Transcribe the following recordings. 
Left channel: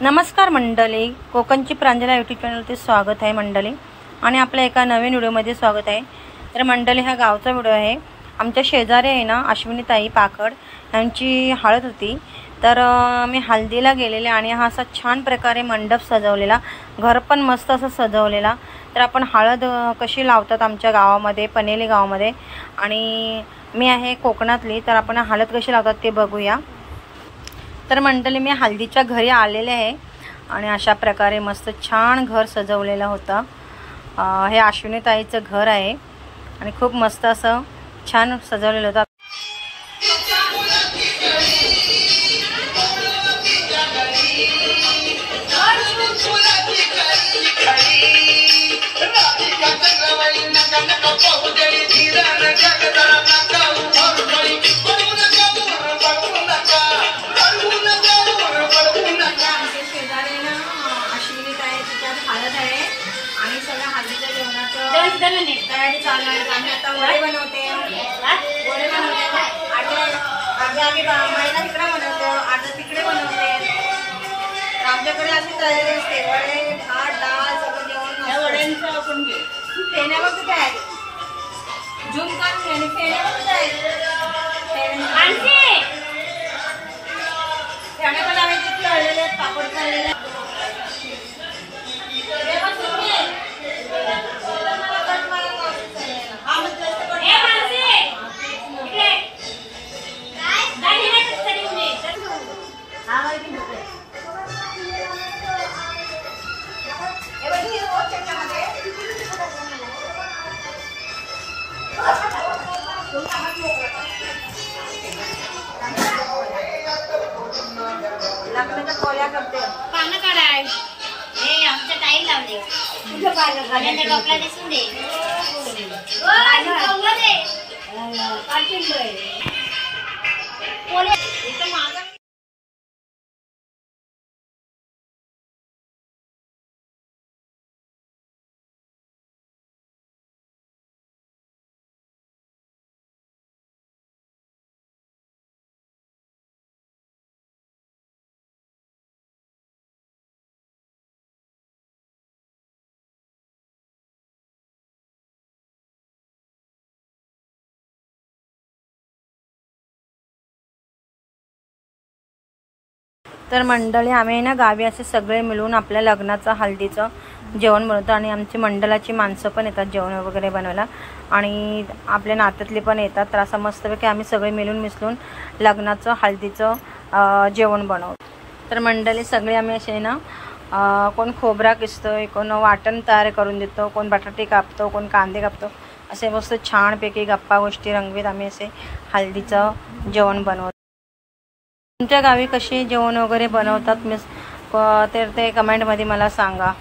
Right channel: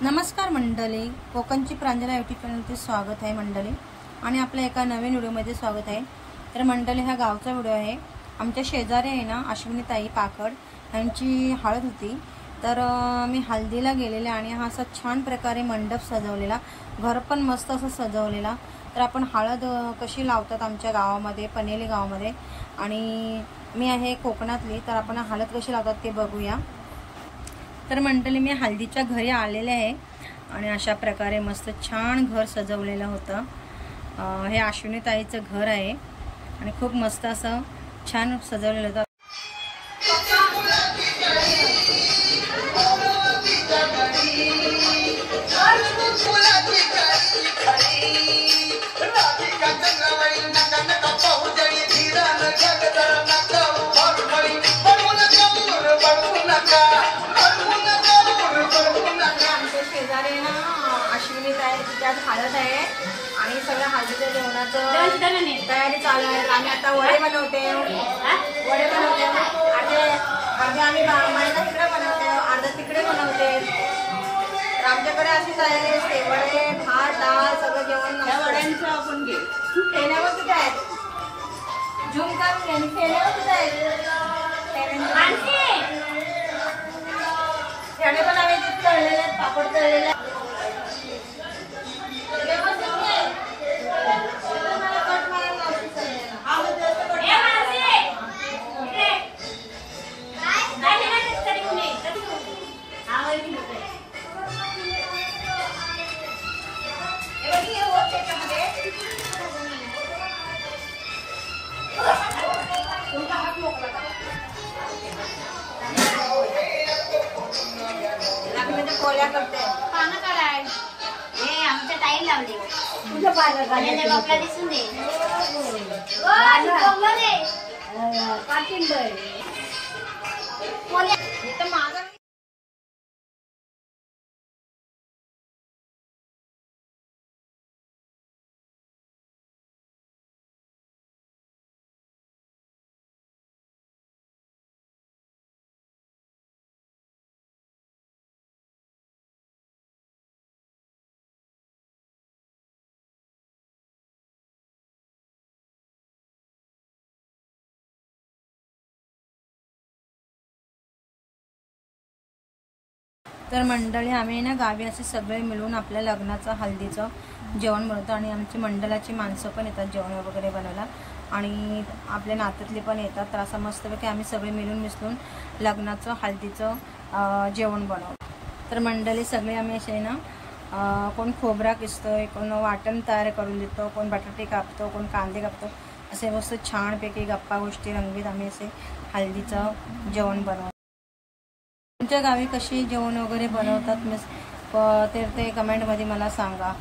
नमस्कार मंडळी, कोकणची प्रांजला यूट्यूब चॅनलवरती स्वागत आहे मंडळी. आणि आपल्या एका नवीन व्हिडिओमध्ये स्वागत आहे. तर मंडळी, हा गावचा व्हिडिओ आहे. आमच्या शेजारी आहे ना अश्विनीताई पाकड यांची हळद होती. तर मी हल्दीला गेलेले आणि हा असा छान प्रकारे मंडप सजवलेला, घर पण मस्त असं सजवलेला. तर आपण हळद कशी लावतात आमच्या गावामध्ये, पनेली गावामध्ये, आणि मी आहे कोकणातली, तर आपण हळद कशी लावतात ते बघूया. तर मंडळी, मी हल्दीच्या घरी आलेले आहे आणि अशा प्रकारे मस्त छान घर सजवलेलं होतं. हे अश्विनीताईचं घर आहे आणि खूप मस्त असं छान सजवलेलं होतं. हळद आहे आणि सगळं हळदीच्या जेवणाचं तयारी चालू आहे. आम्ही आता वडे बनवते आणि आम्ही महिला तिकडे बनवतो, अर्धा तिकडे बनवते. आमच्याकडे अशी तयारी असते. वडे, भात, डाळ सगळं जेवण. वड्यांचं आपण घे फेण्यावर कुठे आहे, झूम काढून आणि फेण्यावर कुठे आहे, फेणे पण आम्ही तिथे तळलेले, पापड तळलेला. लग्नाच्या कोल्या करते काना काढाय. हे आमच्या ताई लावले तुझ्या पाण्याच्या टोपला दिसून दे. तर मंडळी, आम्ही ना गावी असे सगळे मिळून आपल्या लग्नाचं हल्दीचं जेवण बनवतो आणि आमची मंडळाची माणसं पण येतात जेवण वगैरे बनवायला आणि आपल्या नात्यातले पण येतात. तर असं मस्तपैकी आम्ही सगळे मिळून मिसळून लग्नाचं हल्दीचं जेवण बनवतो. तर मंडळी, सगळे आम्ही असे ना कोण खोबरा किसतोय, कोण वाटण तयार करून देतो, कोण बटाटे कापतो, कोण कांदे कापतो. असे मस्त छानपैकी गप्पा गोष्टी रंगवीत आम्ही असे हल्दीचं जेवण बनवतो. तुमच्या गावी कशी जेवण वगैरे बनवतात तर ते कमेंटमध्ये मला सांगा.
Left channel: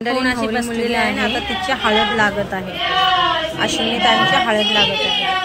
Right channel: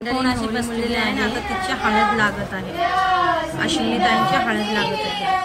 अशी बसलेली आहे आता, तिची हळद लागत आहे. अश्विनीताईंची हळद लागत आहे.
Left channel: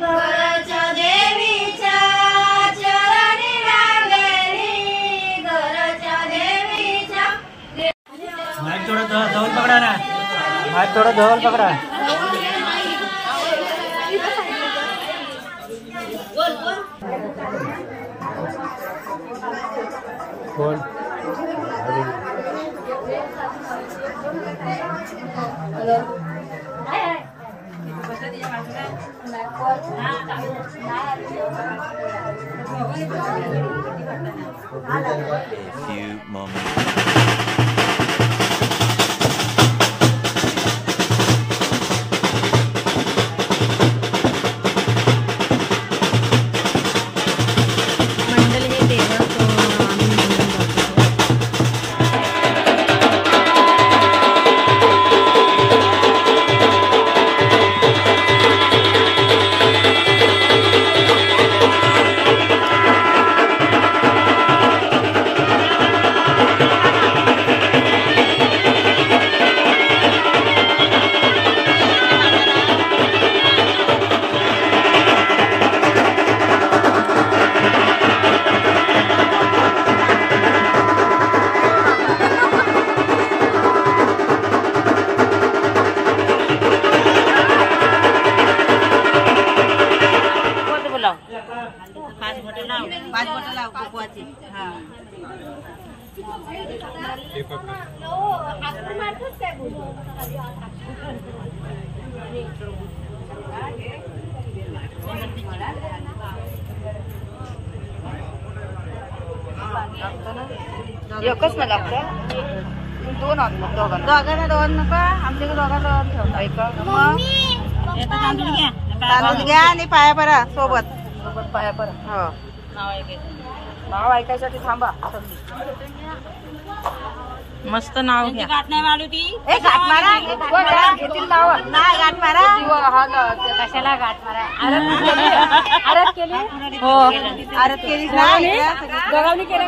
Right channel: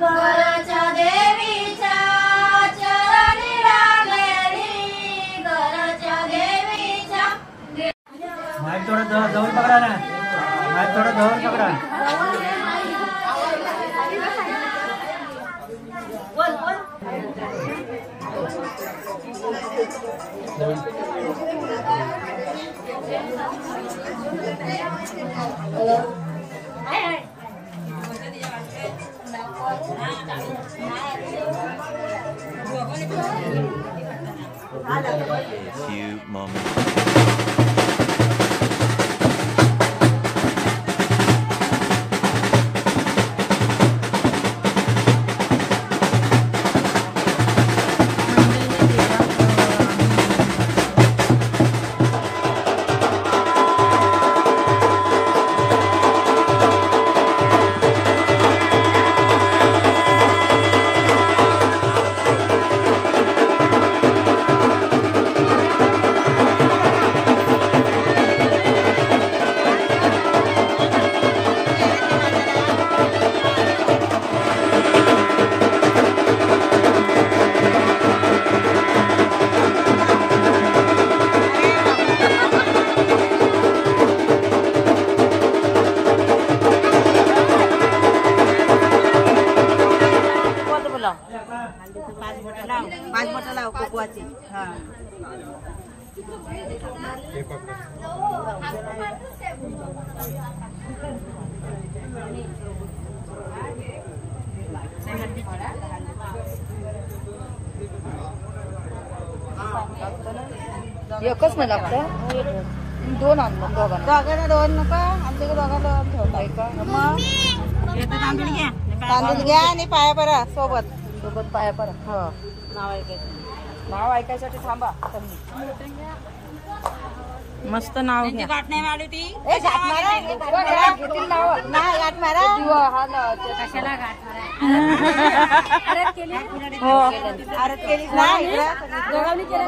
घरच्या देवीच्या चरणी लागली थोड़ा जवळ पकड़ा कौन A few moments. पाच बोटं लाव कोकवाची. हां एकच नाही लागतं. दोन दोघांना दोन नका आमच्याकडे दोघांना दोन ठेवता तांदूळ घ्या आणि पाया परा सोबत पाया परा. हो नाव ऐकायसाठी थांबा. मस्त नाव घ्या. गाठ नाही मारली ती. गाठ मारा कशाला गाठ मारा. आरत केली हो आरत केली गगावणी केलं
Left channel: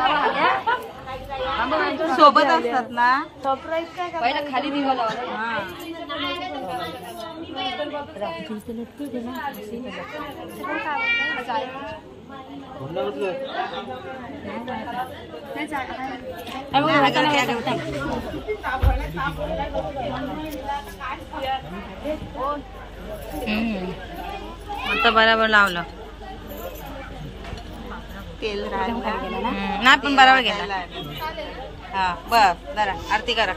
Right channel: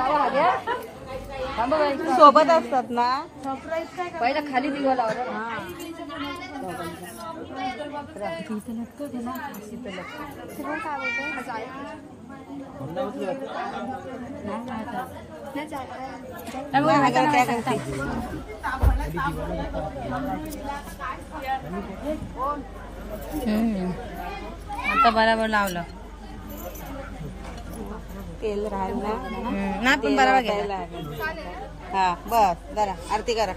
सोबत असतात ना. पहिला खाली दिवा लावला. आता बरोबर लावलं. तेल नाही पण बरोबर गेला. हा बस जरा आरती करा.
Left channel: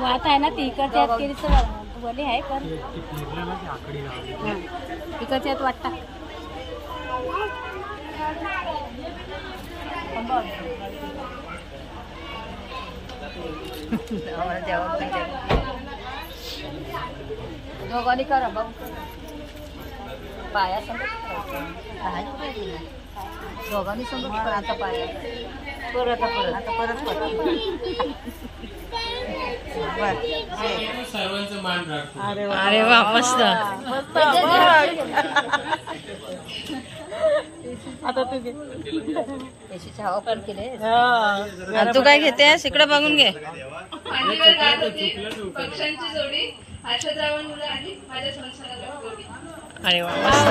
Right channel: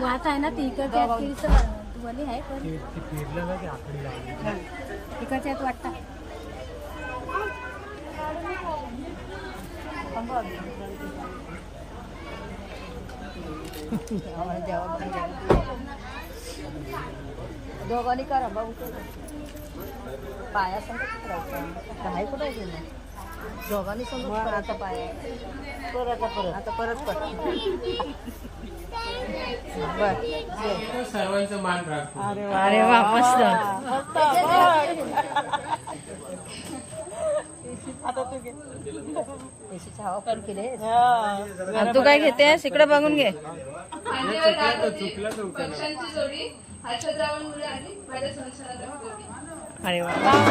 वात आहे ना ती इकडच्या यात केली तर बोली आहे पण इकडच्या यात वाटता. दोघांनी करा बघ पाया संगत करायचं दोघांनी संगत आता पाया परत आता परत सर्वांचं मान राखतो. अरे वा मस्त. आता तू घे येशीची हवा पण केले. तू काय घेतेस इकडे बघून घे. पक्ष्यांची जोडी हर्षदरावांमुळे आली माझ्या संसाराला. अरे वा मस्त.